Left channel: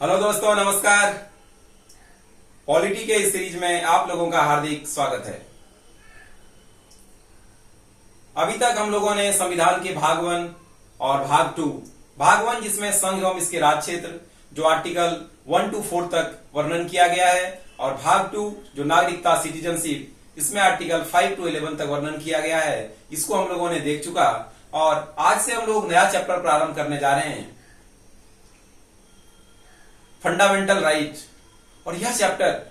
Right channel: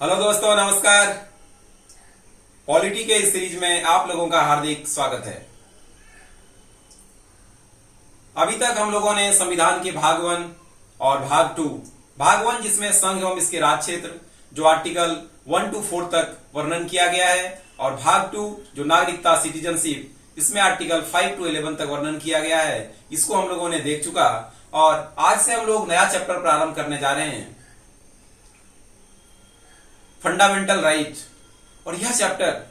Hello दोस्तों, नमस्कार। Polity के इस सीरीज में आप लोगों का हार्दिक स्वागत है। अभी तक हम लोगों ने संविधान के भाग 1 और भाग 2, भाग 1 जिसमें संघ एवं इसके राज क्षेत्र जो आर्टिकल 1 to 4 तक वर्णन किया गया है, और भाग 2 जो नागरिकता सिटीजनशिप इसमें आर्टिकल 5 to 11 तक वर्णन किया गया है, इसको हम लोगों ने देख चुका। और आज से हम लोग नया चैप्टर प्रारंभ करने जा रहे हैं, फंडामेंटल राइट। और यह चैप्टर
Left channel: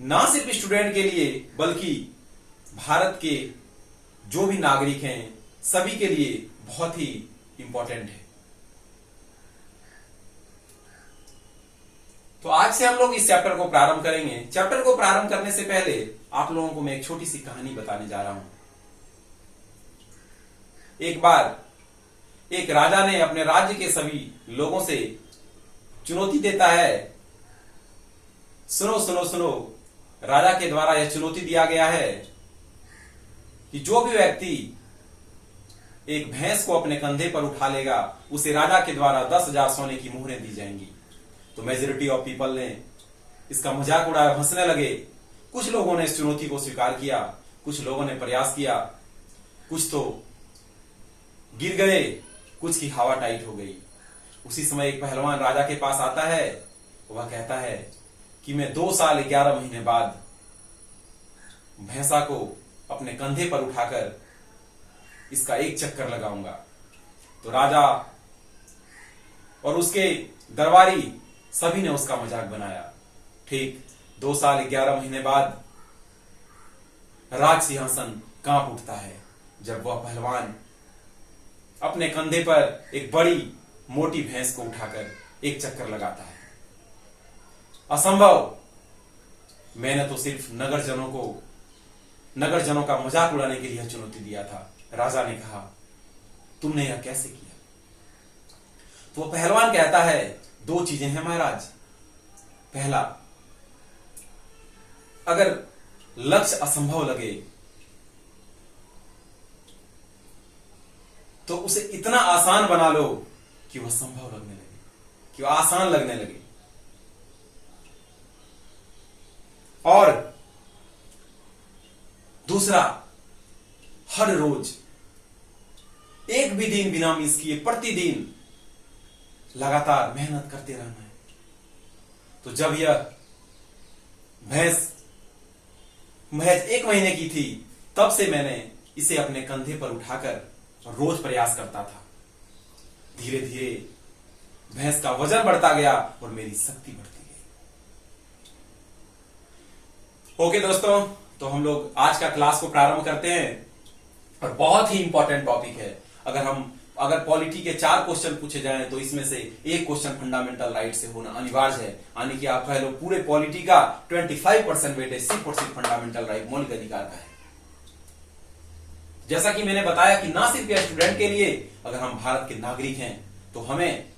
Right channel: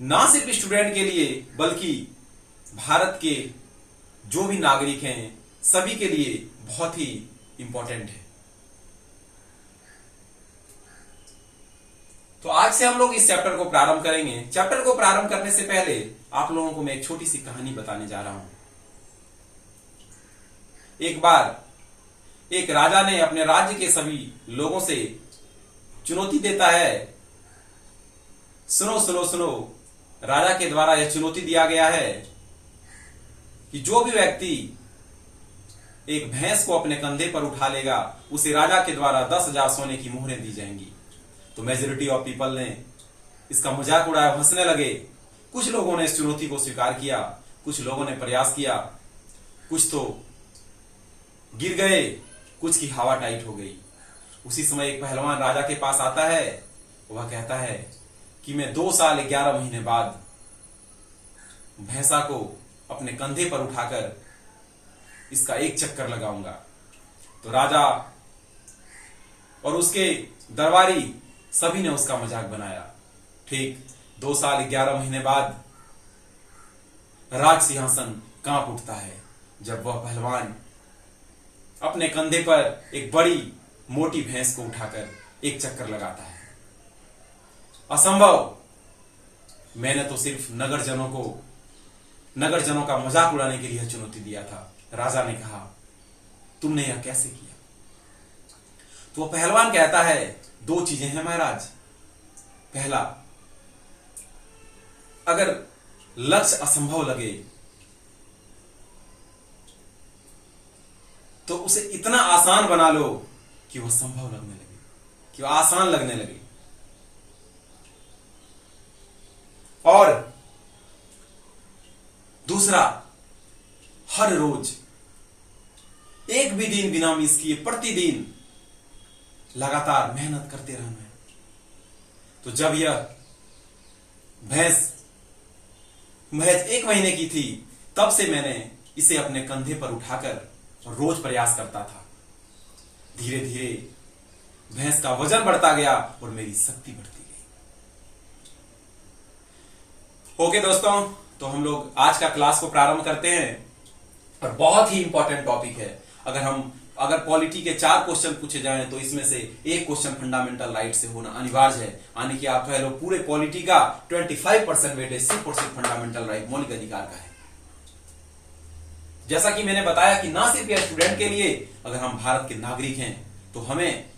ना सिर्फ स्टूडेंट के लिए बल्कि भारत के जो भी नागरिक हैं सभी के लिए बहुत ही इंपॉर्टेंट है। तो आज से हम लोग इस चैप्टर को प्रारंभ करेंगे। चैप्टर को प्रारंभ करने से पहले आप लोगों को मैं एक छोटी सी कहानी बताने जा रहा हूं। एक बार एक राजा ने अपने राज्य के सभी लोगों से चुनौती देता है। सुनो सुनो सुनो, राजा के द्वारा यह चुनौती दिया गया है कि जो भी व्यक्ति एक भैंस को अपने कंधे पर उठा लेगा उसे राजा के द्वारा 10,000 सोने की मोहरें दी जाएंगी। तो मेजोरिटी ऑफ पीपल ने इसका मजाक उड़ाया, हंसने लगे। कुछ लोगों ने इस चुनौती को स्वीकार किया, कुछ लोगों ने प्रयास किया, कुछ तो गिर गए, कुछ की हवा टाइट हो गई। उसी समय एक पहलवान राजा के पास आता है। वह कहता है कि मैं 2 साल 11 महीने बाद भैंसा को अपने कंधे पर उठाकर इसका एक चक्कर लगाऊंगा। तो राजा और उसके दरबारी सभी ने उसका मजाक बनाया। ठीक 2 साल 11 महीने बाद राज सिंहासन कांप उठता है जब वह पहलवान अपने कंधे पर एक बड़ी मोटी भैंस को उठाकर एक चक्कर लगाता है। असंभव, मैंने तो सिर्फ नगर जनों का मजाक उड़ाने के लिए चुनौती दिया था। राजा ने कहा, तुमने यह कैसे किया? तो वह पहलवान कहता है, 2 चीजें हैं महाराज। पहला, अगर लक्ष्य असंभव लगे तो उसे इतना आसान बना लो कि वह संभव लगने लगे, कि वह आसान लगने लगे। और दूसरा, हर रोज एक भी दिन बिना मिस किए प्रतिदिन लगातार मेहनत करते रहना है। तो जब यह भैंस महज 1 महीने की थी तब से मैंने इसे अपने कंधे पर उठाकर रोज प्रयास करता था। धीरे धीरे भैंस का वजन बढ़ता गया और मेरी शक्ति बढ़ती गई। ओके दोस्तों, तो हम लोग आज का क्लास को प्रारंभ करते हैं। और बहुत ही इंपॉर्टेंट टॉपिक है। अगर पॉलिटी के 4 क्वेश्चन पूछे जाएं तो इसमें से एक क्वेश्चन फंडामेंटल राइट से होना अनिवार्य है। यानी कि आप कह लो पूरे पॉलिटी का 25% वेटेज सिर्फ और सिर्फ फंडामेंटल राइट, मौलिक अधिकार का है। जैसा कि मैंने बताया कि ना सिर्फ यह स्टूडेंट के लिए, अगर हम भारत के नागरिक हैं तो हमें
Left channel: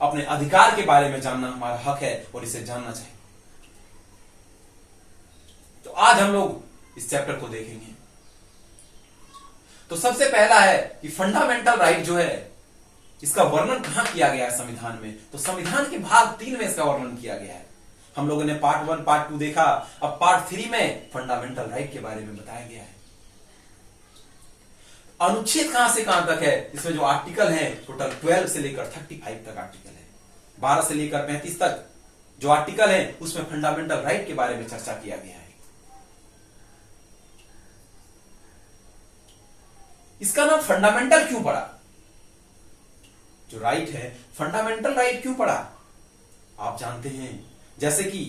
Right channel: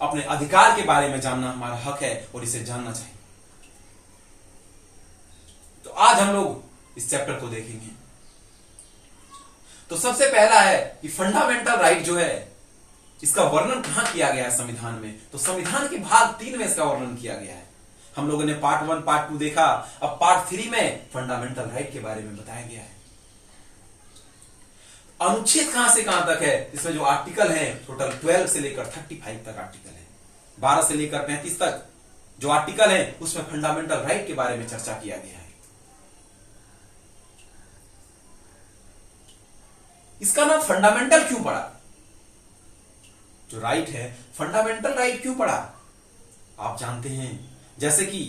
अपने अधिकार के बारे में जानना हमारा हक है और इसे जानना चाहिए। तो आज हम लोग इस चैप्टर को देखेंगे। तो सबसे पहला है कि फंडामेंटल राइट जो है इसका वर्णन कहां किया गया है संविधान में। तो संविधान के भाग 3 में इसका वर्णन किया गया है। हम लोगों ने पार्ट 1 पार्ट 2 देखा, अब पार्ट 3 में फंडामेंटल राइट के बारे में बताया गया है। अनुच्छेद कहां से कहां तक है? इसमें जो आर्टिकल है टोटल 12 से लेकर 35 तक आर्टिकल है। 12 से लेकर 35 तक जो आर्टिकल है उसमें फंडामेंटल राइट के बारे में चर्चा किया गया है। इसका नाम फंडामेंटल क्यों पड़ा? जो राइट है, फंडामेंटल राइट क्यों पड़ा? आप जानते हैं, जैसे कि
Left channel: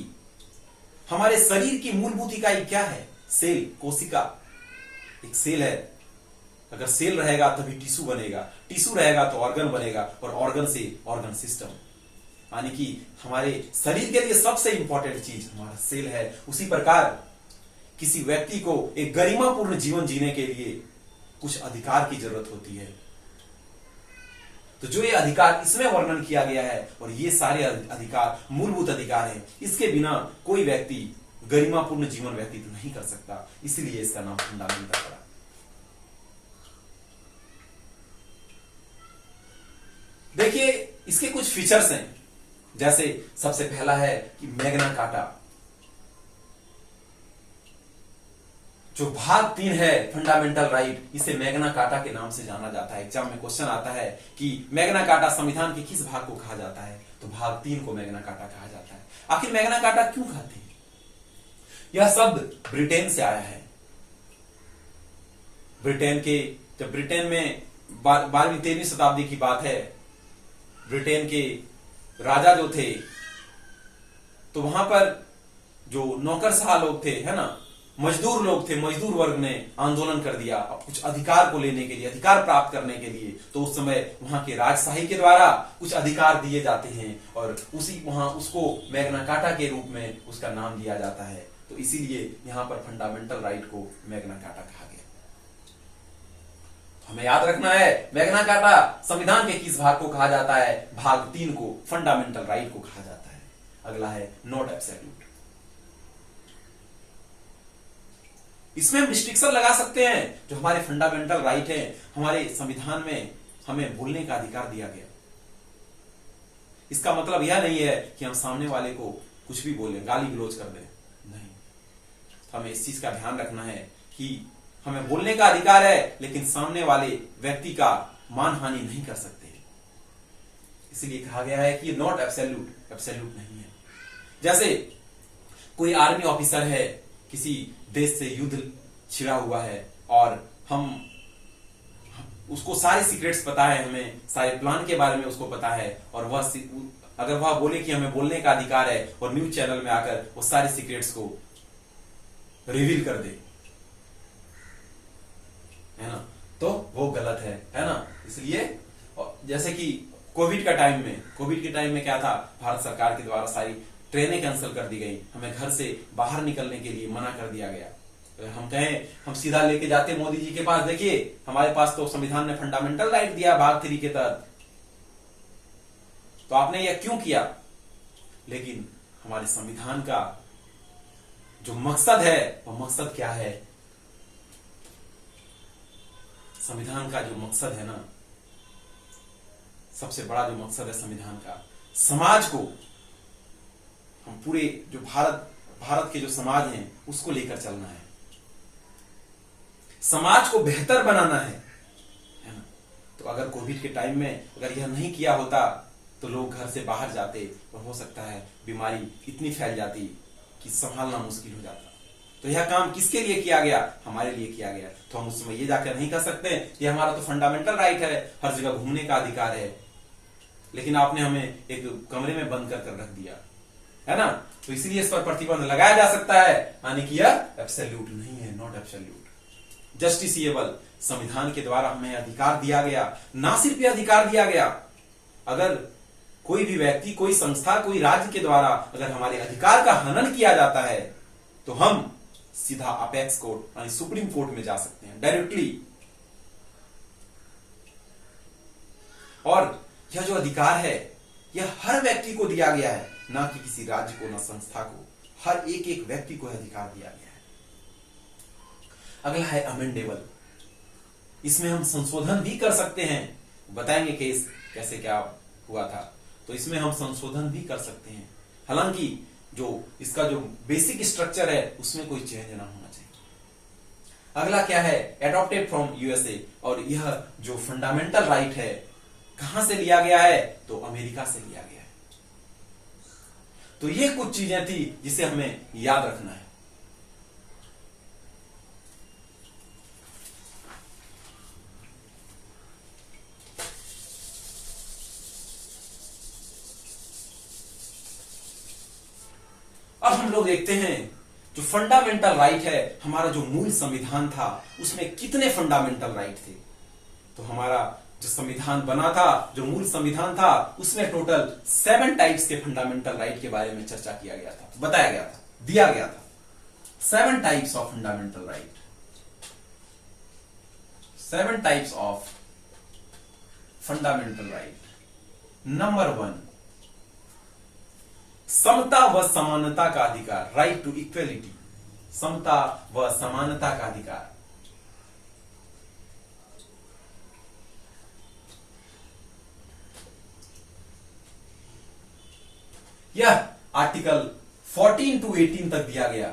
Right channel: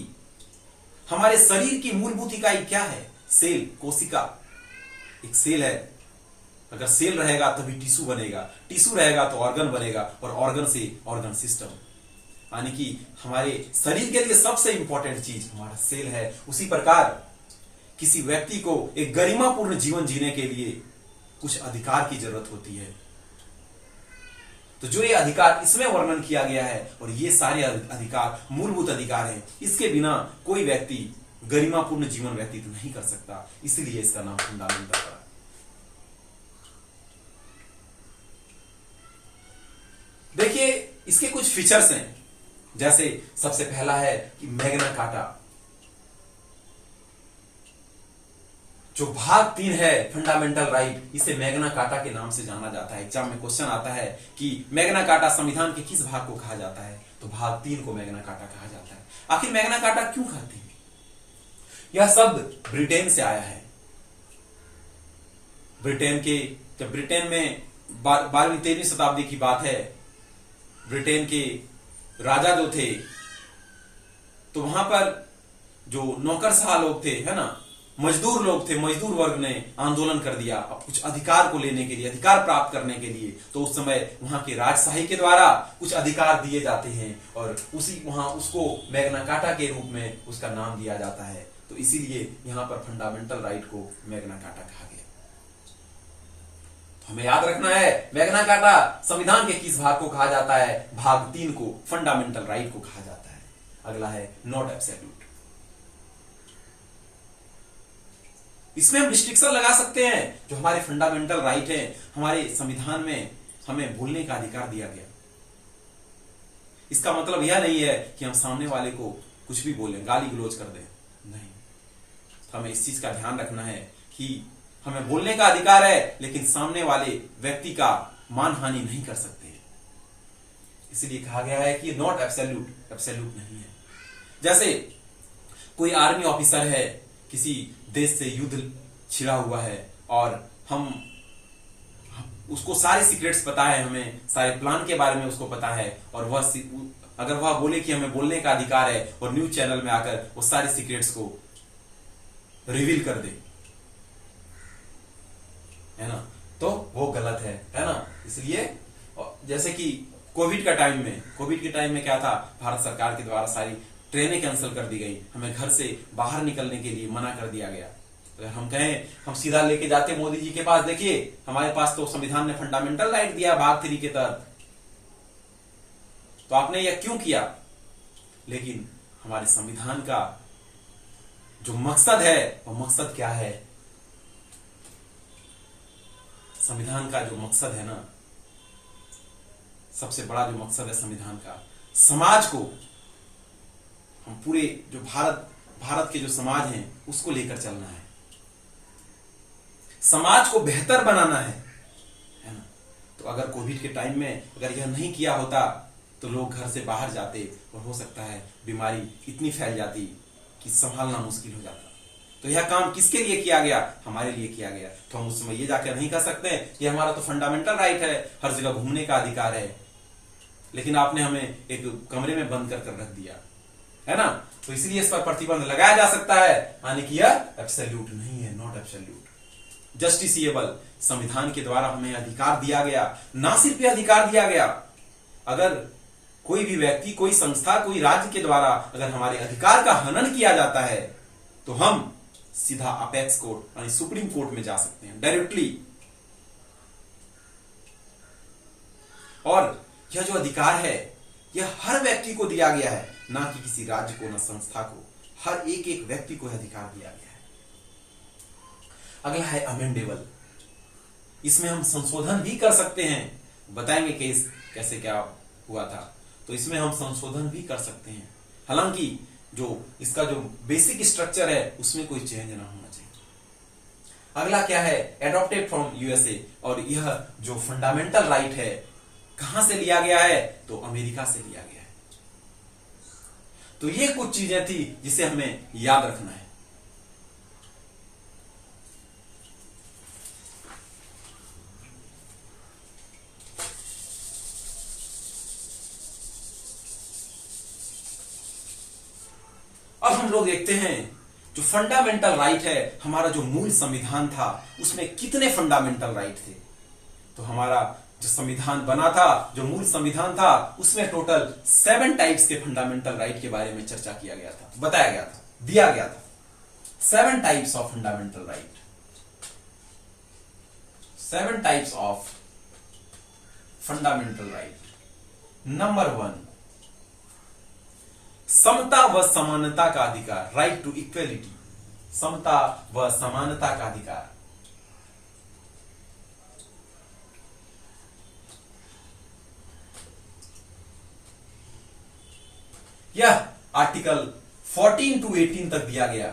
हमारे शरीर की मूलभूत इकाई क्या है? सेल, कोशिका। एक सेल है, अगर सेल रहेगा तभी टिश्यू बनेगा, टिश्यू रहेगा तो ऑर्गन बनेगा, और ऑर्गन से ऑर्गन सिस्टम। यानी कि हमारे शरीर के लिए सबसे इंपॉर्टेंट चीज हमारा सेल है। उसी प्रकार किसी व्यक्ति को एक गरिमापूर्ण जीवन जीने के लिए कुछ अधिकार की जरूरत होती है। तो जो ये अधिकार इसमें वर्णन किया गया है, और ये सारे अधिकार मूलभूत अधिकार हैं, इसके बिना कोई व्यक्ति गरिमापूर्ण जीवन व्यतीत नहीं कर सकता। इसलिए इसका नाम फंडामेंटल पड़ा। देखिए इसके कुछ फीचर्स हैं, जैसे सबसे पहला है कि मैग्ना कार्टा। जो भाग 3 है फंडामेंटल राइट, इसे मैग्ना कार्टा के नाम से जाना जाता है। एग्जाम में क्वेश्चन आता है कि मैग्ना कार्टा संविधान के किस भाग को कहा जाता है, तो भाग 3 को मैग्ना कार्टा कहा जाता है। आखिर मैग्ना कार्टा क्यों कहते हैं? यह शब्द ब्रिटेन से आया है। जब ब्रिटेन में 12वीं-13वीं शताब्दी की बात है, ब्रिटेन के राजा जो थे, तो वहां पर जो नौकरशाह लोग थे, है ना, मजदूर लोग थे, मजदूर वर्ग ने आंदोलन कर दिया अब कुछ अधिकार को लेने के लिए, अधिकार प्राप्त करने के लिए। तो उस समय वहां के राजशाही के द्वारा कुछ अधिकार दिए जाते हैं और वहां उसको मैग्ना कार्टा के रूप में उसका नाम दिया जाता है। तो इसीलिए यहां पर फंडामेंटल राइट को मैग्ना कार्टा कहा गया। तो हमें याद रखना है मैग्ना कार्टा संविधान के किस भाग को कहा जाता है? भाग 3 को फंडामेंटल राइट को कहा जाता है। अगला है नॉट एब्सोल्यूट। इसमें हम रिस्ट्रिक्शन लगा सकते हैं। जो हमारे फंडामेंटल राइट है, हमारे संविधान में हमें बोलने का अधिकार दिया गया। इसका मतलब यह नहीं है कि हम सामने वाले को कुछ भी बोलें, गाली गलौज कर दें, नहीं। तो हमें इस चीज का ध्यान रखना है कि हमें बोलने का अधिकार है, लेकिन सामने वाले व्यक्ति का मानहानि नहीं कर सकते। इसलिए कहा गया है कि नॉट एब्सोल्यूट, एब्सोल्यूट नहीं है। जैसे कोई आर्मी ऑफिसर है, किसी देश से युद्ध छिड़ा हुआ है और उसको सारे सीक्रेट्स पता है, हमें सारे प्लान के बारे में उसको पता है, और अगर वह बोले कि हमें बोलने का अधिकार है और न्यूज चैनल में आकर वो सारे सीक्रेट्स को रिवील कर दे, है ना, तो वो गलत है ना। इसलिए जैसे कि कोविड के टाइम में क्या था, भारत सरकार के द्वारा सारी ट्रेनें कैंसिल कर दी गई, हमें घर से बाहर निकलने के लिए मना कर दिया गया। तो हम कहें हम सीधा लेके जाते मोदी जी के पास, देखिए हमारे पास तो संविधान ने फंडामेंटल राइट दिया भाग 3 के तहत, तो आपने यह क्यों किया? लेकिन हमारे संविधान का जो मकसद है, वो मकसद क्या है? संविधान का जो मकसद है ना, सबसे बड़ा जो मकसद है संविधान का, समाज को, हम पूरे जो भारत के जो समाज हैं उसको लेकर चलना है, समाज को बेहतर बनाना है ना। तो अगर कोविड के टाइम में अगर यह नहीं किया होता तो लोग घर से बाहर जाते और हो सकता है बीमारी इतनी फैल जाती कि संभालना मुश्किल हो जाता। तो यह काम किसके लिए किया गया? हमारे लिए किया गया। तो हम उस समय ये जाकर नहीं कर सकते कि हमारा तो फंडामेंटल राइट है, हर जगह घूमने का अधिकार है, लेकिन आपने हमें एक कमरे में बंद कर रख दिया, है ना। तो इसलिए इस पर प्रतिबंध लगाया जा सकता है, यानी कि यह एब्सोल्यूट नहीं है, नॉट एब्सोल्यूट। जस्टिसिएबल, संविधान के द्वारा हमें अधिकार दिया गया, ना सिर्फ यह अधिकार दिया गया, अगर कोई भी व्यक्ति, कोई संस्था, कोई राज्य के द्वारा अगर हमारे अधिकार का हनन किया जाता है तो हम सीधा अपेक्स कोर्ट यानी सुप्रीम कोर्ट में जा सकते हैं डायरेक्टली। और यह जो अधिकार है यह हर व्यक्ति को दिया गया है, ना कि किसी राज्य को, ना संस्था को, हर एक व्यक्ति को अधिकार दिया गया है। अगला है अमेंडेबल। इसमें हम संशोधन भी कर सकते हैं, बताएंगे केस कैसे क्या हुआ था। तो इसमें हम संशोधन भी कर सकते हैं, हालांकि जो इसका जो बेसिक स्ट्रक्चर है उसमें कोई चेंज ना होना चाहिए। अगला क्या है? Adopted from USA. और यह जो फंडामेंटल राइट है कहां से लिया गया है? तो अमेरिका से लिया गया है। तो ये कुछ चीजें थी जिसे हमें याद रखना है। अब हम लोग देखते हैं जो फंडामेंटल राइट है, हमारा जो मूल संविधान था उसमें कितने फंडामेंटल राइट थे। तो हमारा जो संविधान बना था, जो मूल संविधान था, उसमें टोटल 7 टाइप्स के फंडामेंटल राइट के बारे में चर्चा किया गया था, बताया गया था, दिया गया था। 7 types of fundamental right, 7 types of fundamental right. Number 1, समता व समानता का अधिकार, राइट टू इक्वलिटी, समता व समानता का अधिकार। यह आर्टिकल 14 टू 18 तक दिया गया।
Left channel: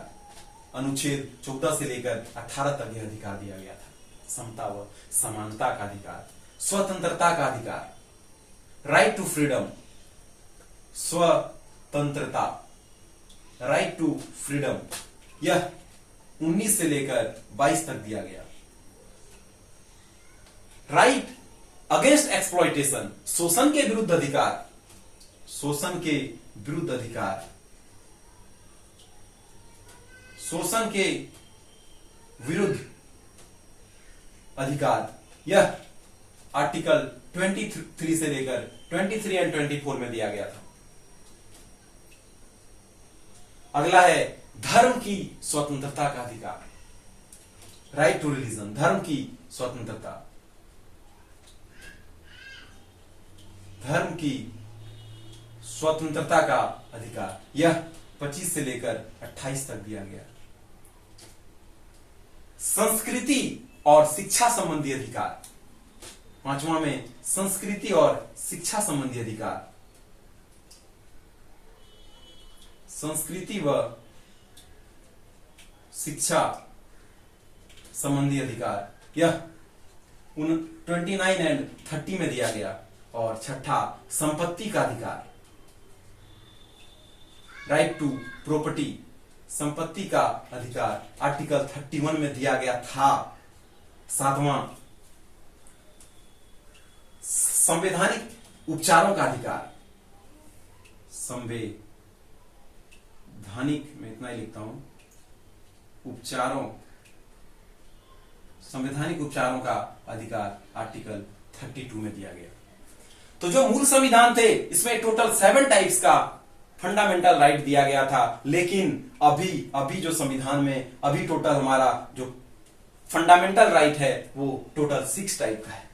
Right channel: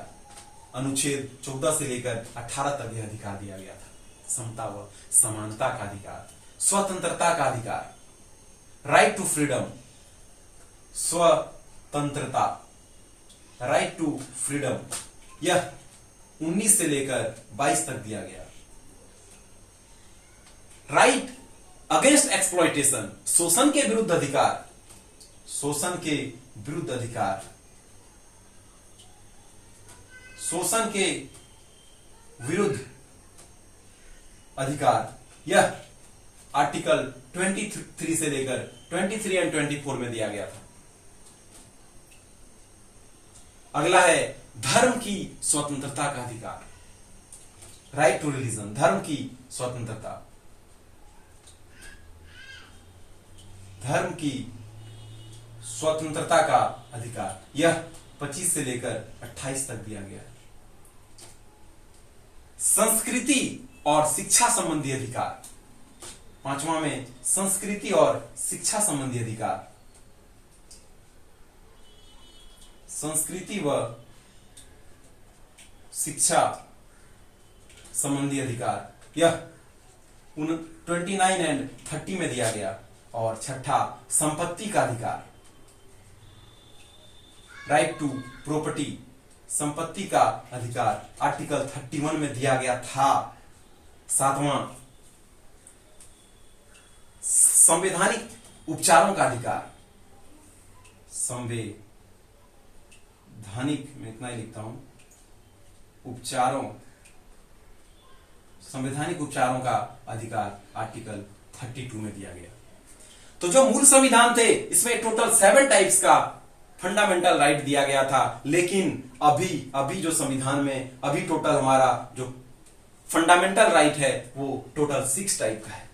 अनुच्छेद 14 से लेकर 18 तक यह अधिकार दिया गया था। समता व समानता का अधिकार, स्वतंत्रता का अधिकार, राइट टू फ्रीडम, स्वतंत्रता, राइट टू फ्रीडम, यह 19 से लेकर 22 तक दिया गया। राइट अगेंस्ट एक्सप्लॉयटेशन, शोषण के विरुद्ध अधिकार, शोषण के विरुद्ध अधिकार, शोषण के विरुद्ध अधिकार, यह आर्टिकल 23 से लेकर 23 एंड 24 में दिया गया था। अगला है धर्म की स्वतंत्रता का अधिकार, राइट टू रिलीजन, धर्म की स्वतंत्रता, धर्म की स्वतंत्रता का अधिकार, यह 25 से लेकर 28 तक दिया गया। संस्कृति और शिक्षा संबंधी अधिकार, पांचवा में संस्कृति और शिक्षा संबंधी अधिकार, संस्कृति व शिक्षा संबंधी अधिकार, यह 29 एंड 30 में दिया गया। और छठा संपत्ति का अधिकार, राइट टू प्रॉपर्टी, संपत्ति का अधिकार आर्टिकल 31 में दिया गया था। सातवां संवैधानिक उपचारों का अधिकार, संवैधानिक में इतना ही लिखता हूं, उपचारों, संवैधानिक उपचारों का अधिकार आर्टिकल 32 में दिया गया। तो जो मूल संविधान थे इसमें टोटल 7 टाइप्स का फंडामेंटल राइट दिया गया था, लेकिन अभी जो संविधान में अभी टोटल हमारा जो फंडामेंटल राइट है वो टोटल 6 टाइप का है,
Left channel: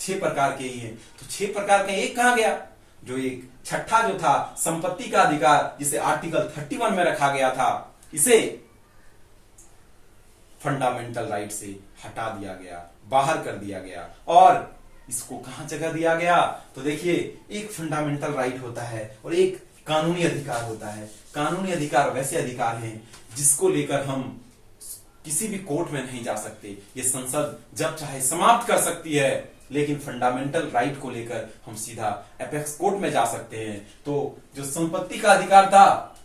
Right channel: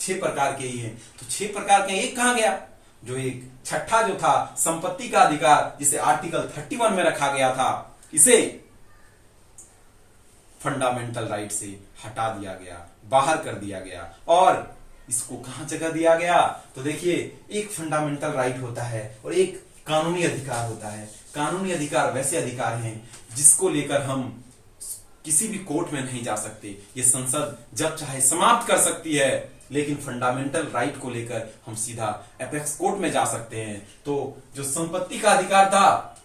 6 प्रकार के ही है। तो 6 प्रकार के एक कहां गया? जो एक छठा जो था संपत्ति का अधिकार, जिसे आर्टिकल 31 में रखा गया था, इसे फंडामेंटल राइट से हटा दिया गया, बाहर कर दिया गया। और इसको कहां जगह दिया गया? तो देखिए, एक फंडामेंटल राइट होता है और एक कानूनी अधिकार होता है। कानूनी अधिकार वैसे अधिकार हैं जिसको लेकर हम किसी भी कोर्ट में नहीं जा सकते, ये संसद जब चाहे समाप्त कर सकती है, लेकिन फंडामेंटल राइट को लेकर हम सीधा एपेक्स कोर्ट में जा सकते हैं। तो जो संपत्ति का अधिकार था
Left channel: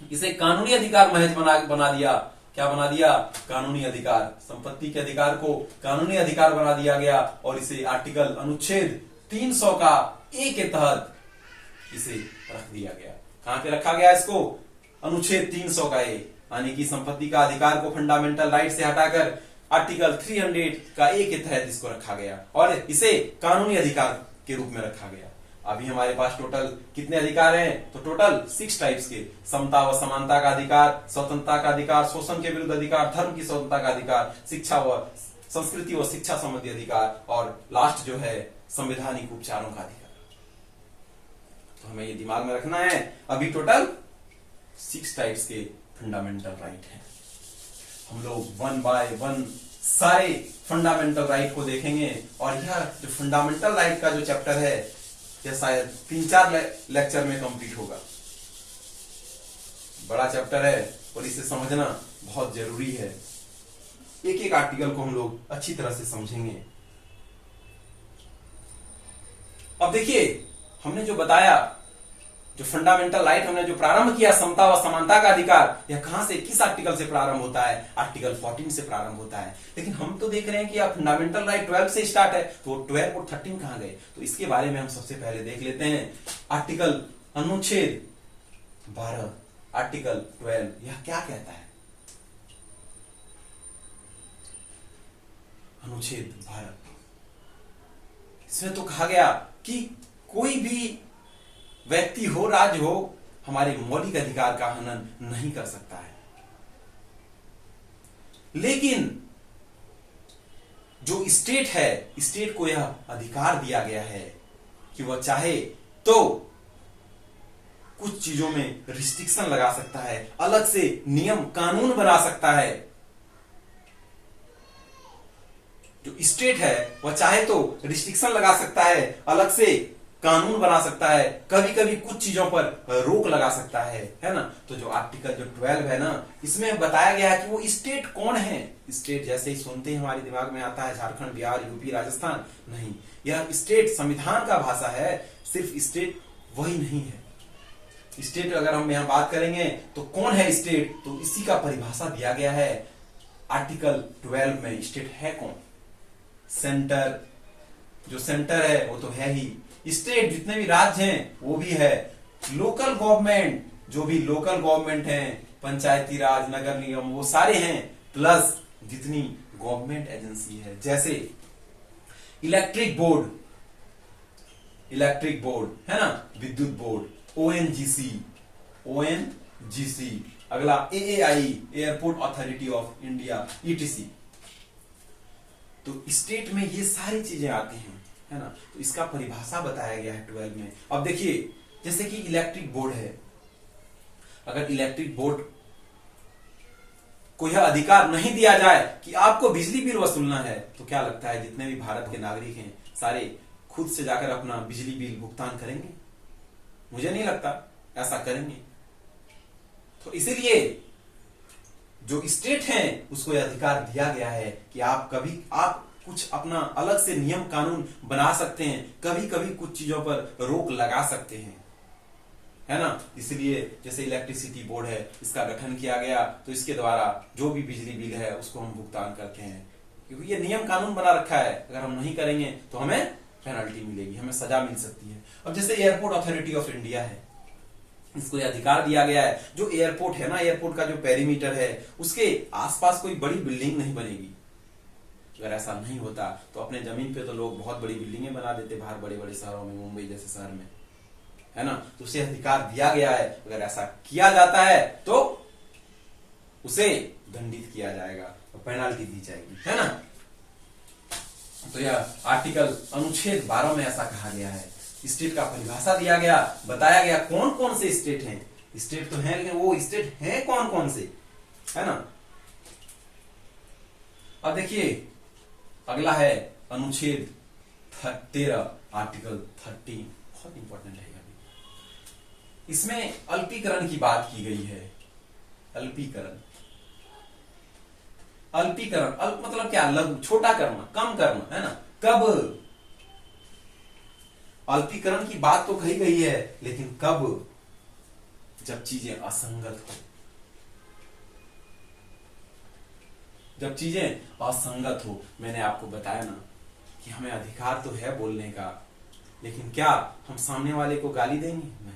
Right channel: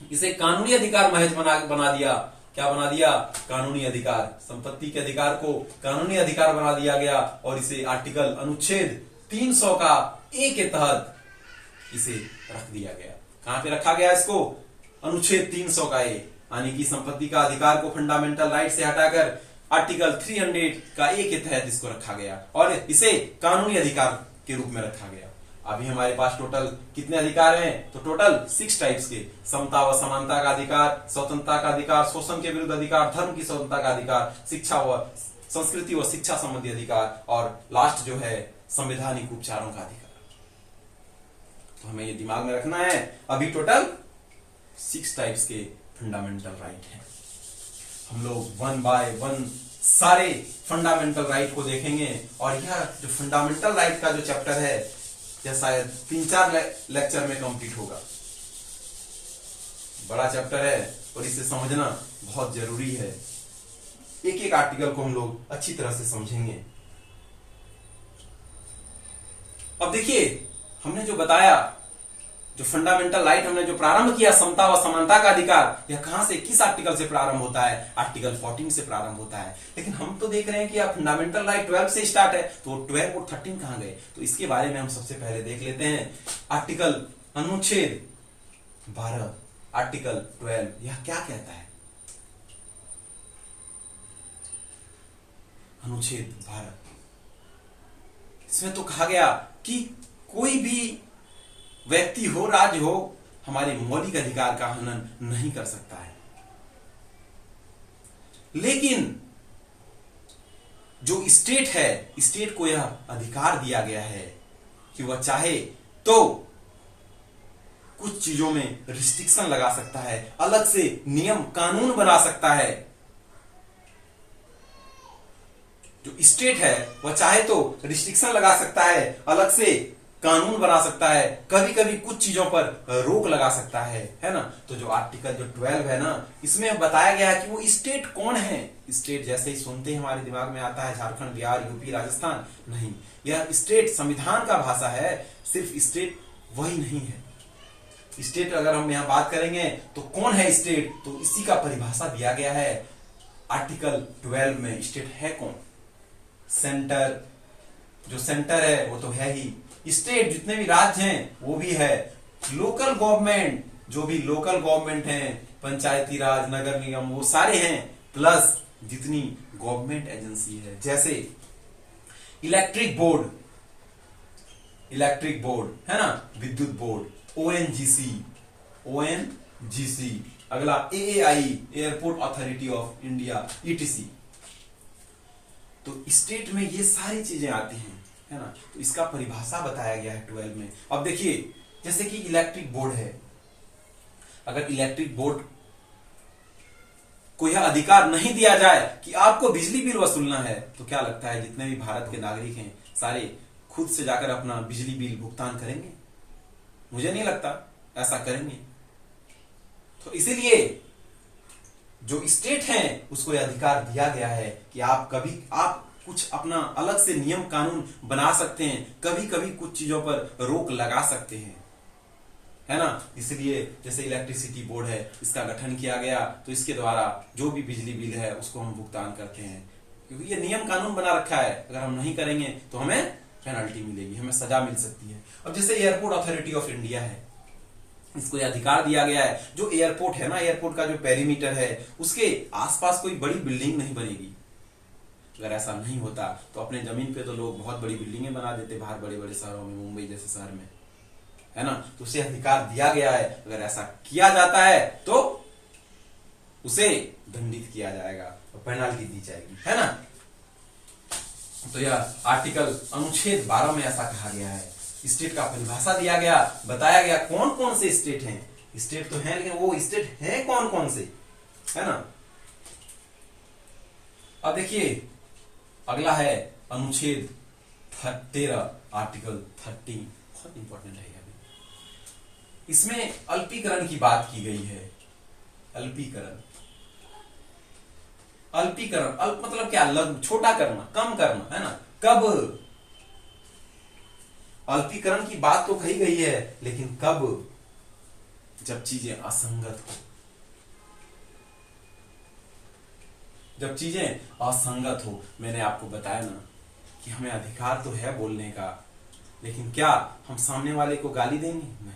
इसे कानूनी अधिकार महज बना दिया। क्या बना दिया? कानूनी अधिकार। संपत्ति के अधिकार को कानूनी अधिकार बना दिया गया और इसे आर्टिकल अनुच्छेद 300 का ए के तहत इसे रख दिया गया। कहां पे रखा गया इसको? अनुच्छेद 300 का ए, यानी कि संपत्ति का अधिकार को फंडामेंटल राइट से हटाकर आर्टिकल 300 का ए के तहत इसको रखा गया और इसे कानूनी अधिकार के रूप में रखा गया। अभी हमारे पास टोटल कितने अधिकार हैं? तो टोटल 6 टाइप्स के, समता व समानता का अधिकार, स्वतंत्रता का अधिकार, शोषण के विरुद्ध अधिकार, धर्म की स्वतंत्रता का अधिकार, शिक्षा व संस्कृति व शिक्षा संबंधी अधिकार और लास्ट जो है संवैधानिक उपचारों का अधिकार। तो हमें ये दिमाग में रखना है, अभी टोटल 6 टाइप्स के फंडामेंटल राइट है। हम लोग 1 बाय 1 सारे फंडामेंटल राइट को देखेंगे और यह जो फंडामेंटल राइट का जो चैप्टर है यह शायद 3-4 लेक्चर में कंप्लीट होगा। बड़ा चैप्टर है और इसे समझना बहुत जरूरी है। एक एक आर्टिकल को हम लोग अच्छी तरह से समझेंगे। अब देखिए, हमने जो बताया, जो फंडामेंटल राइट हमने जो प्रारंभ किया, समता व समानता का अधिकार, यह कहां से, किस आर्टिकल से प्रारंभ होता है? आर्टिकल 14 से प्रारंभ होता है। लेकिन हम तो देख रहे हैं कि यह फंडामेंटल राइट 12 से स्टार्ट है, तो 12 और 13 कहां गए? तो इसके बारे में हम सबसे पहले देख लेते हैं। आर्टिकल अनुच्छेद 12, आर्टिकल 12, यह क्या कहता है? अनुच्छेद 12, इसमें तो कहा गया कि कोई भी व्यक्ति हो, राज्य हो, हमारे मौलिक अधिकार का हनन नहीं कर सकता है। लेकिन जो स्टेट है, स्टेट को यह अधिकार दिया गया है कि वह चाहे तो कुछ चीजों में रिस्ट्रिक्शन लगा सकता है, अलग से नियम कानून बना सकता है। जो स्टेट है वह चाहे तो रिस्ट्रिक्शन लगा सकता है, अलग से कानून बना सकता है, कभी कभी कुछ चीजों पर रोक लगा सकता है ना। तो जो आर्टिकल जो 12 है ना, इसमें बताया गया है कि वो स्टेट कौन है। स्टेट जैसे ही सुनते ही हमारे दिमाग में आता है झारखंड, बिहार, यूपी, राजस्थान, नहीं, यह स्टेट संविधान का भाषा है। सिर्फ स्टेट वही नहीं है। स्टेट अगर हम यहां बात करेंगे तो कौन है स्टेट, तो इसी का परिभाषा दिया गया है आर्टिकल 12 में। स्टेट है कौन? सेंटर, जो सेंटर है वो तो है ही। स्टेट जितने भी राज्य हैं वो भी है। लोकल गवर्नमेंट, जो भी लोकल गवर्नमेंट हैं, पंचायती राज, नगर निगम, वो सारे हैं, प्लस जितनी गवर्नमेंट एजेंसी है, जैसे इलेक्ट्रिक बोर्ड, है ना, विद्युत बोर्ड, ओएनजीसी, अगला AAI, airport authority of India, etc. तो स्टेट में ये सारी चीजें आती हैं, है ना। तो इसका परिभाषा बताया गया है 12 में। अब देखिए, जैसे कि इलेक्ट्रिक बोर्ड है, अगर इलेक्ट्रिक बोर्ड को यह अधिकार नहीं दिया जाए कि आपको बिजली बिल वसूलना है, तो क्या लगता है जितने भी भारत के नागरिक हैं सारे खुद से जाकर अपना बिजली बिल भुगतान करेंगे? मुझे नहीं लगता ऐसा करेंगे। तो इसीलिए जो स्टेट है उसको यह अधिकार दिया गया है कि आप कुछ अपना अलग से नियम कानून बना सकते हैं, कभी कभी कुछ चीजों पर रोक लगा सकते हैं, है ना। इसलिए जैसे इलेक्ट्रिसिटी बोर्ड है, इसका गठन किया गया, तो इसके द्वारा जो भी बिजली बिल है उसको हम भुगतान करते हैं, क्योंकि ये नियम कानून बना रखा है। अगर हम नहीं करेंगे तो हमें पेनल्टी मिलेगी, हमें सजा मिल सकती है। अब जैसे एयरपोर्ट अथॉरिटी ऑफ इंडिया है, इसको यह अधिकार दिया गया है, जो एयरपोर्ट है ना, एयरपोर्ट का जो पेरीमीटर है उसके आसपास कोई बड़ी बिल्डिंग नहीं बनेगी। अगर ऐसा नहीं होता तो अपने जमीन पे तो लोग बहुत बड़ी बिल्डिंगें बना देते बाहर, बड़े बड़े शहरों में, मुंबई जैसे शहर में, है ना। तो उसे अधिकार दिया गया है, अगर ऐसा किया जाता है तो उसे दंडित किया जाएगा और पेनाल्टी दी जाएगी, है ना। तो यह आर्टिकल अनुच्छेद 12 में ऐसा कहा गया है। स्टेट का परिभाषा दिया गया, बताया गया कौन कौन से स्टेट हैं। स्टेट तो हैं, लेकिन वो स्टेट हैं कौन कौन से, है ना। अब देखिए, अगला है अनुच्छेद 13, आर्टिकल 13, बहुत इंपॉर्टेंट है। इसमें अल्पीकरण की बात की गई है। अल्पीकरण, अल्प मतलब क्या? छोटा करना, कम करना, है ना। कब? अल्पीकरण की बात तो कही गई है, लेकिन कब? जब चीजें असंगत हो। जब चीजें असंगत हो। मैंने आपको बताया ना कि हमें अधिकार तो है बोलने का, लेकिन क्या हम सामने वाले को गाली देंगे? नहीं,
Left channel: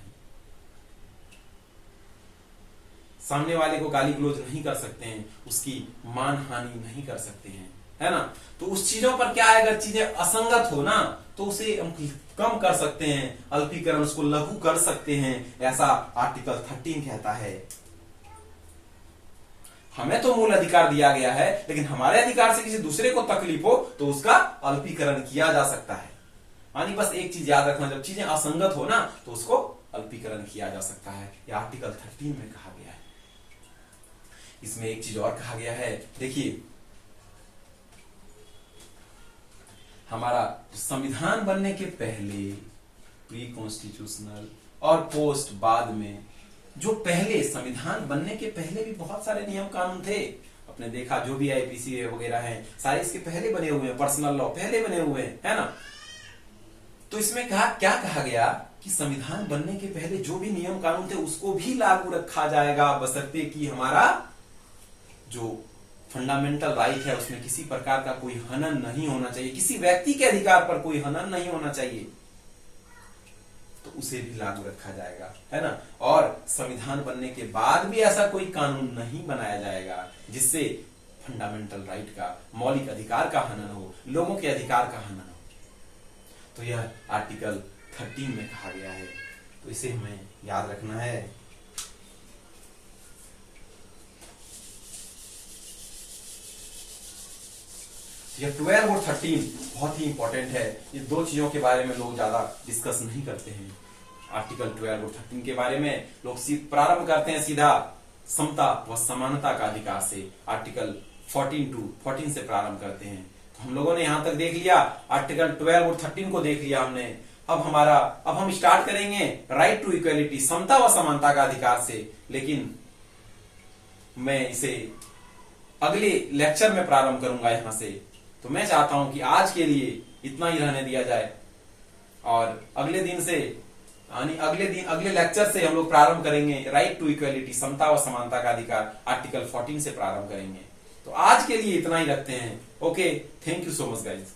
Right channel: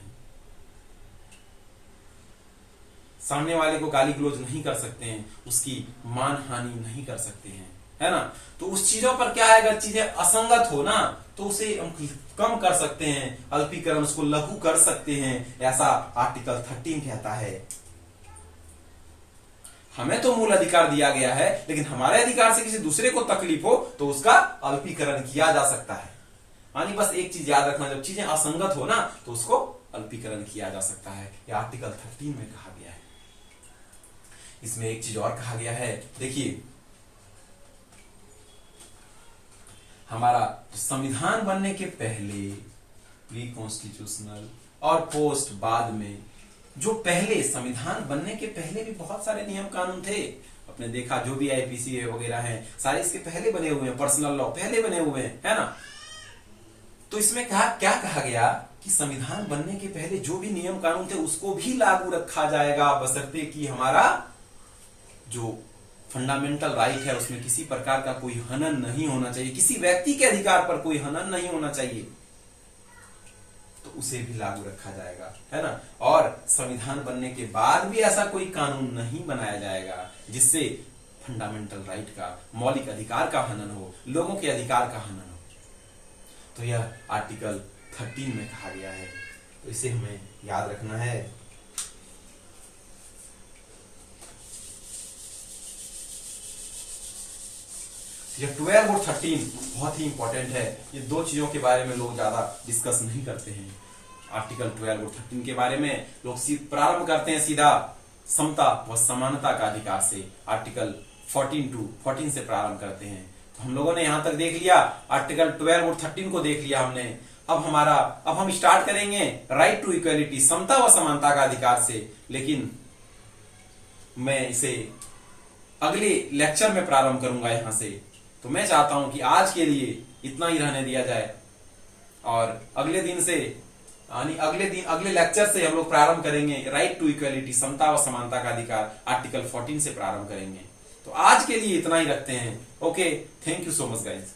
सामने वाले को गाली गलौज नहीं कर सकते हैं, उसकी मान हानि नहीं कर सकते हैं, है ना। तो उस चीजों पर क्या है, अगर चीजें असंगत हो ना तो उसे हम कम कर सकते हैं, अल्पीकरण, उसको लघु कर सकते हैं, ऐसा आर्टिकल 13 कहता है। हमें तो मूल अधिकार दिया गया है, लेकिन हमारे अधिकार से किसी दूसरे को तकलीफ हो तो उसका अल्पीकरण किया जा सकता है। यानी बस एक चीज याद रखना, जब चीजें असंगत हो ना तो उसको अल्पीकरण किया जा सकता है। यह आर्टिकल 13 में कहा गया है। इसमें एक चीज और कहा गया है, देखिए, हमारा संविधान बनने के पहले, प्री कॉन्स्टिट्यूशनल और पोस्ट बाद में, जो पहले संविधान बनने के पहले भी बहुत सारे नियम कानून थे। आपने देखा जो भी आईपीसी वगैरह हैं, सारे इसके पहले बने हुए हैं, पर्सनल लॉ पहले बने हुए हैं, है ना। तो इसमें क्या कहा गया कि संविधान बनने के पहले जो भी नियम कानून थे उसको भी लागू रखा जाएगा, बशर्ते कि हमारा जो फंडामेंटल राइट है उसमें किसी प्रकार का कोई हनन नहीं होना चाहिए, किसी व्यक्ति के अधिकार पर कोई हनन नहीं होना चाहिए, तो उसे भी लागू रखा जाएगा, है ना। और संविधान बनने के बाद भी ऐसा कोई कानून नहीं बनाया जाएगा जिससे फंडामेंटल राइट का, मौलिक अधिकार का हनन हो, लोगों के अधिकार का हनन हो। तो यह आर्टिकल 13 में कहा गया है, तो इसे हमें याद रखना है। ये 12 और 13 बहुत ही इंपॉर्टेंट है। ये दो चीजों के बारे में लोग ज्यादा डिस्कस नहीं करते हैं। आर्टिकल 12 और 13 के बारे में लोग प्रारंभ करते हैं सीधा समता व समानता का अधिकार से। आर्टिकल 14 से प्रारंभ करते हैं। तो हम लोगों ने यहां तक देख लिया, आर्टिकल 12 और 13 को देख लिया हमने। अब हम स्टार्ट करेंगे राइट टू इक्वलिटी, समता व समानता का अधिकार से, लेकिन मैं इसे अगले लेक्चर में प्रारंभ करूंगा यहां से। तो मैं चाहता हूं कि आज के लिए इतना ही रहने दिया जाए और अगले दिन से अगले लेक्चर से हम लोग प्रारंभ करेंगे राइट टू इक्वलिटी, समता व समानता का अधिकार, आर्टिकल 14 से प्रारंभ करेंगे। तो आज के लिए इतना ही रखते हैं। Okay, thank you so much guys.